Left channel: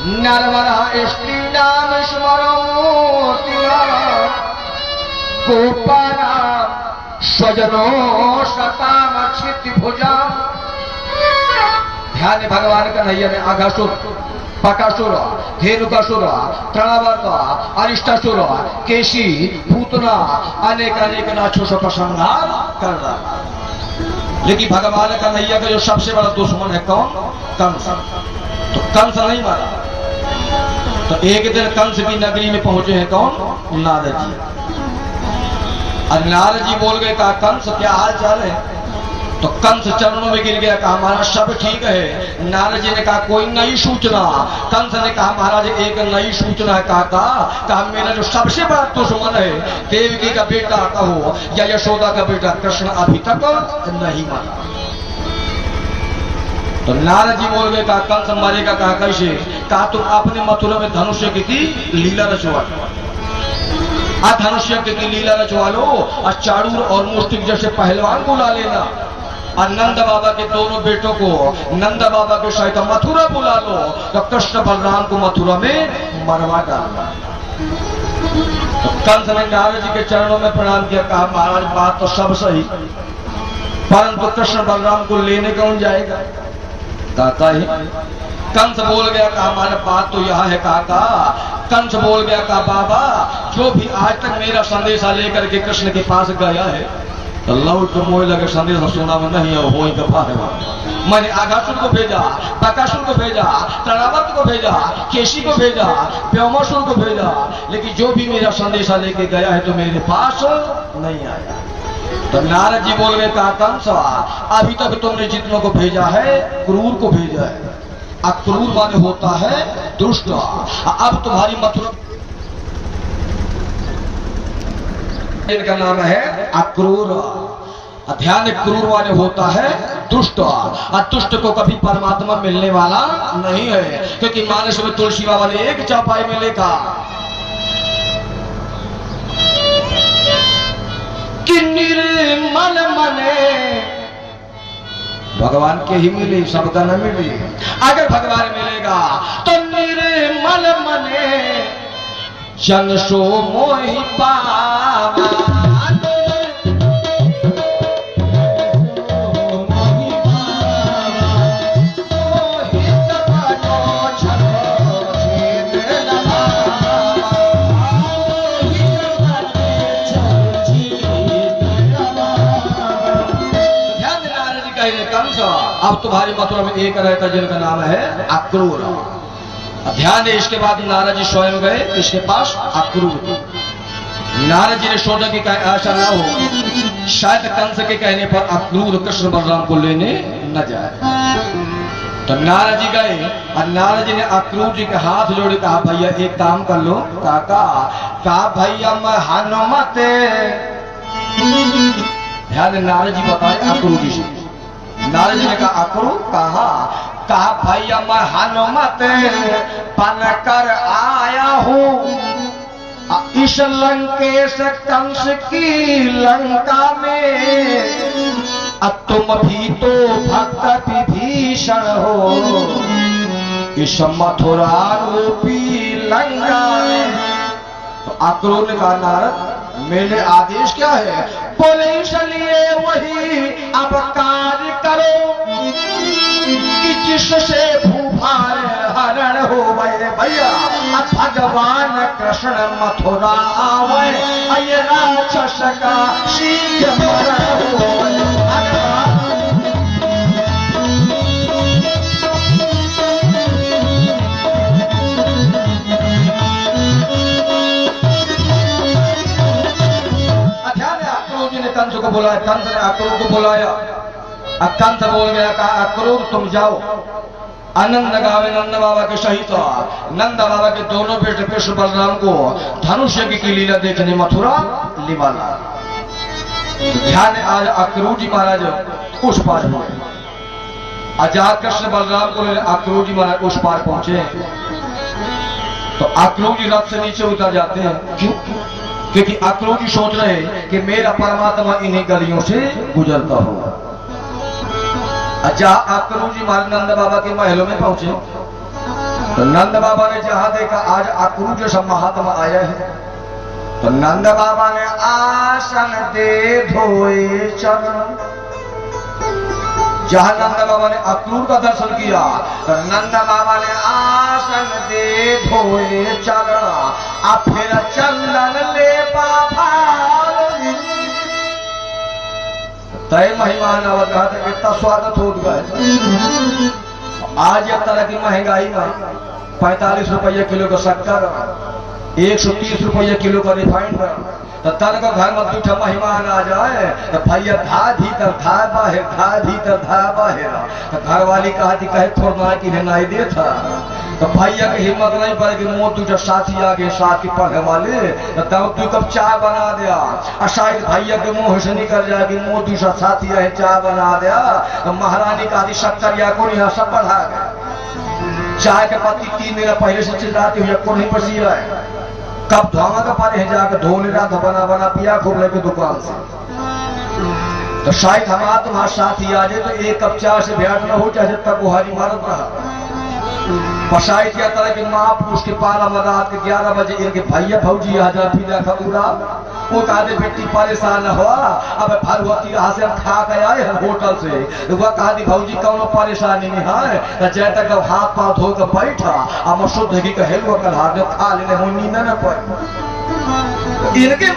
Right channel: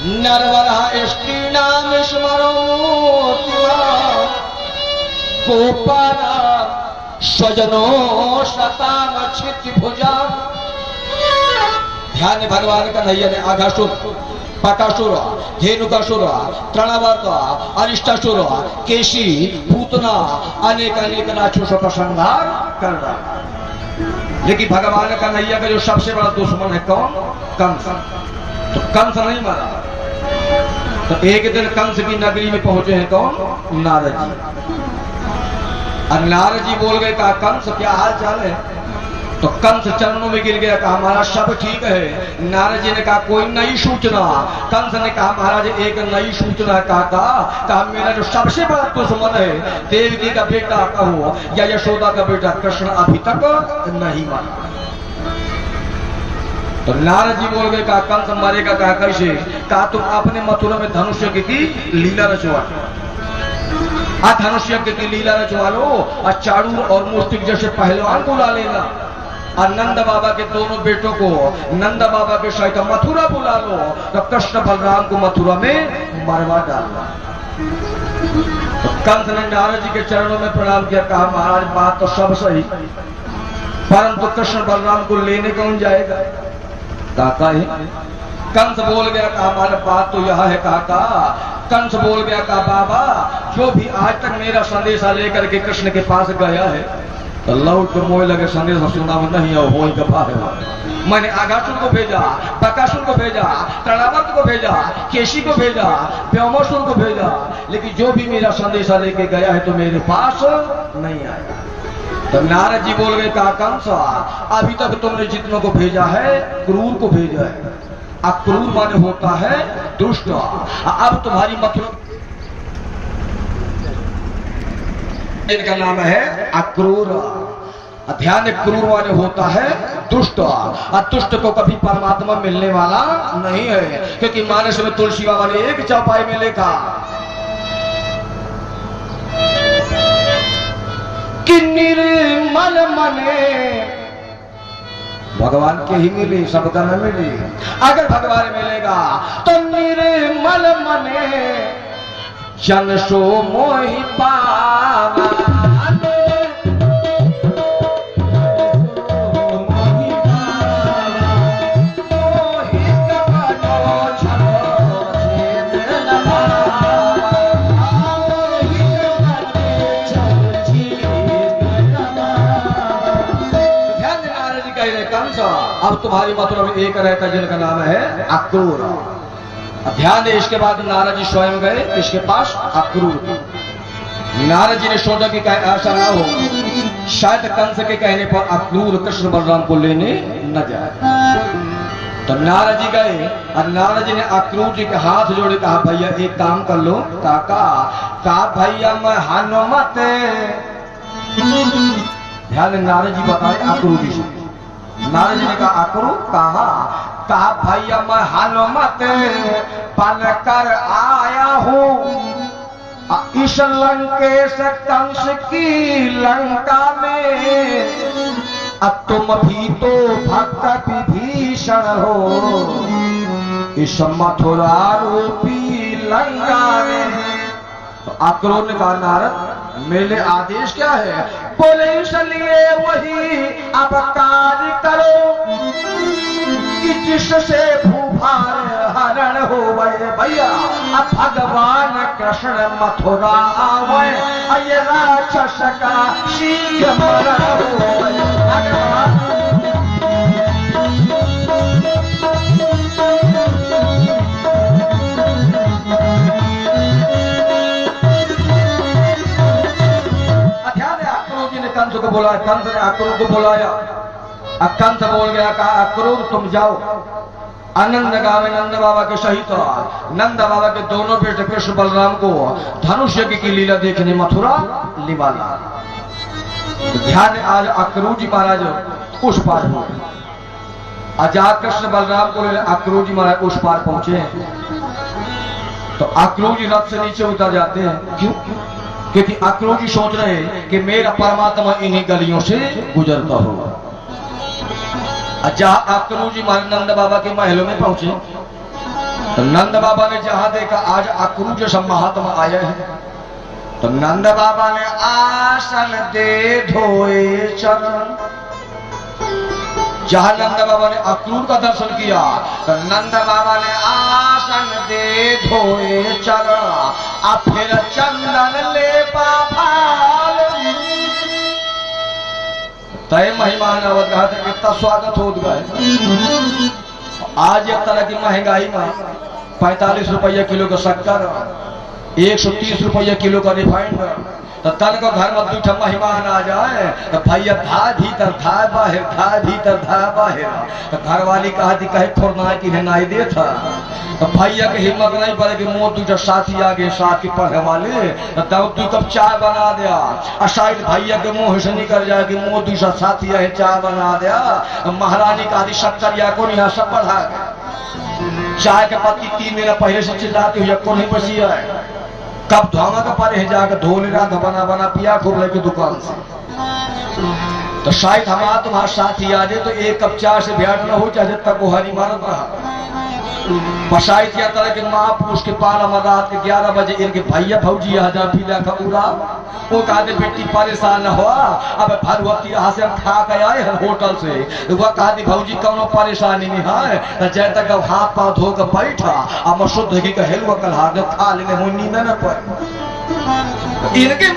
नरवरा इष्टि नाम स्मरो गोपारा स्वजनो शताम क्षिति भुजा। ध्यान भगवान कन्हैया ने आघासुर, बकासुर, धेनुकासुर, तृणावर्त, अरिष्टासुर, केशी, पूतना अनेक अनेक राक्षसों का संहार कर रहा। लेकिन भगवान कन्हैया का जो सबसे बड़ा दुश्मन है कौन? कंस। तो कंस नहीं मारा। तो एक दिन कंस की नगरी में पहुंचे हैं कौन? नारद जी। और नारद जी बोल गए कहा कंस क्या हाल चाल है? तो कंस चरणों में गिर गया, कहा महाराज सब ठीक है। नारद जी ने कहा कोई नई सूचना? कंस ने कहा महाराज एक नई सूचना है। कहा मेरा जो सबसे बड़ा दुश्मन है देवकी का बेटा कहो या यशोदा का बेटा कृष्ण अभी तक नहीं मारा। तो नारद जी बोल गए कहा कंस मारेगा? कहा कैसे? कहा तुम अपने मथुरा में धनुष्य की लीला रचवा, धनुष्य की लीला रचवा लो और चाड़ूर और मुष्टिक जैसे पहलवान को ला लेना और नंद बाबा के दोनों बेटों को नंद बाबा के सहित मथुरा बुला लो तो कृष्ण बलराम को मथुरा में मरवा डालना। तो कंस ने नारद जी के चरणों में प्रणाम किया, कहा महाराज बात तो सब सही, परंतु कृष्ण बलराम को लेने कौन जाएगा? काका ही। कंस बोल गया कहा हमारे बात तो यह है काका। कंस बोल गया कहा बाबा जो भी आज तक मेरा संदेशा लेकर के कृष्ण के पास गया है तो लौट को मोह लगे संदेश सुना नहीं हो गफा है। मैंने आघासुर को भेजा, बकासुर को भेजा, तृणावर्त को भेजा, केशी को भेजा, व्योमासुर को भेजा, लेकिन जो भी मेरा संदेशा लेके गया है तो मेरे पास नहीं आया। तो नारद जी बोल गए कहा कंस अभी तक तुमने जितनों को भेजा है क्रूर को भेजा है। अक्रूर माने होता है दुष्ट। अब तुम्हारी मथुरा इनका नाम है अक्रूर। ध्यान क्रूर माने होता है दुष्ट। और दुष्ट को कभी परमात्मा मिलने वाला नहीं है, क्योंकि मानस में तुलसी बाबा ने एक चौपाई में लिखा कि निर्मल मने भगवान के ही मिले, सबका न मिले। अगर भगवान मिलेगा तो निर्मल मने जन सो मोहि पावा। अब तुम्हारी मथुरा में एक रहता जिनका नाम है अक्रूर। ध्यान दे, इसके बाद नारद जी स्वयं गए इसके पास अक्रूर। नारद जी ने सोचा कि ऐसा ना हो शायद कंस के कहने पर अक्रूर कृष्ण बलराम को लेने न जाए। तो नारद जी गए और नारद जी ने अक्रूर जी के हाथ जोड़े, कहा भैया एक काम कर लो काका। कहा भैया मैं हनुमत। ध्यान, नारद जी बताए अक्रूर जी से। नारद जी ने कहा अक्रूर कहा भैया मैं हनुमत पल कर आया हूँ इस लंकेश कंस की लंका में। अब तुम भी तो भक्त विभीषण हो इस मथुरा रूपी लंका में। तो अक्रूर ने कहा नारद मेरे आदेश क्या है? बोले इसलिए वही अब कार्य करो कि जिससे भूभार हरण हो गए भैया। अब भगवान कृष्ण मथुरा आवे ये राक्षस का शीघ्र मरण हो। कंस को बुलाया, कंस ने अक्रूर को बुलाया। कंस बोल गया कहा अक्रूर तुम जाओ आनंद गावे नंद बाबा के सहित नंद बाबा के दोनों बेटे कृष्ण बलराम को धनुष्य की लीला देखने मथुरा लिवाला। ध्यान, आज अक्रूर जी महाराज उस पार हुए। आज कृष्ण बलराम को अक्रूर जी महाराज उस पार पहुंचे तो अक्रूर जी रथ से नीचे उतर जाते हैं। क्यों? क्योंकि अक्रूर जी सोच रहे हैं कि मेरा परमात्मा इन्हीं गलियों से गुजरता होगा। जहां अक्रूर जी महाराज नंद बाबा के महलों में पहुंचे तो नंद बाबा ने जहां देखा आज अक्रूर जैसा महात्मा आया है, तो नंद बाबा ने आसन दे धोए चरण। जहां नंद बाबा ने अक्रूर का दर्शन किया तो नंद बाबा ने आसन दे धोए चरण, अब फिर चंदन ले बाबा तय मेहमान अवत कितना स्वागत हो गया। आज एक तरह की महंगाई में 45 रुपये किलो का शक्कर, 130 रुपये किलो का रिफाइंड, तो तर को घर में दूठा मेहमान आ जाए तो भैया धा भीतर धा बाहर, धा भीतर धा बाहर। तो घर वाली कहे फोड़ना की नहीं दे था, तो भैया की हिम्मत नहीं पड़े कि मोह दूठा साथी आ गए साथ की पढ़े वाले, तो तब 2 कप चाय बना दिया। और शायद भैया के मुंह से निकल जाए कि मोह दूसरा साथी है चाय बना दिया, तो महारानी का शक्कर या को यहाँ सब बढ़ा गया। चाय के पत्ती 3 दिन पहले से चिल्लाती हुई को नहीं पसी है, तब धोमा का पारे है जाकर धो लेना था, बना बना पिया खूब लगे दुकान से। तो शायद हमारा तुम्हारा साथी आ जाए तो 1 कप चाय से भेंट न हो चाहे तक वो हरी मारत रहा। बसाई क्या तरह के महापुरुष के 12 मदात के 11 बजे इनके भैया भौजी हजार पीला का पूरा वो कहते बेटी परेशान न हुआ, अब भगवती यहाँ से हम खा के आए हैं होटल से। वह कहती भौजी कौन परेशानी नहीं है, जै तक हाथ पाँव धो कर बैठा अब शुद्ध घी का हेलवा कर खा लेने नींद न पड़े। इनके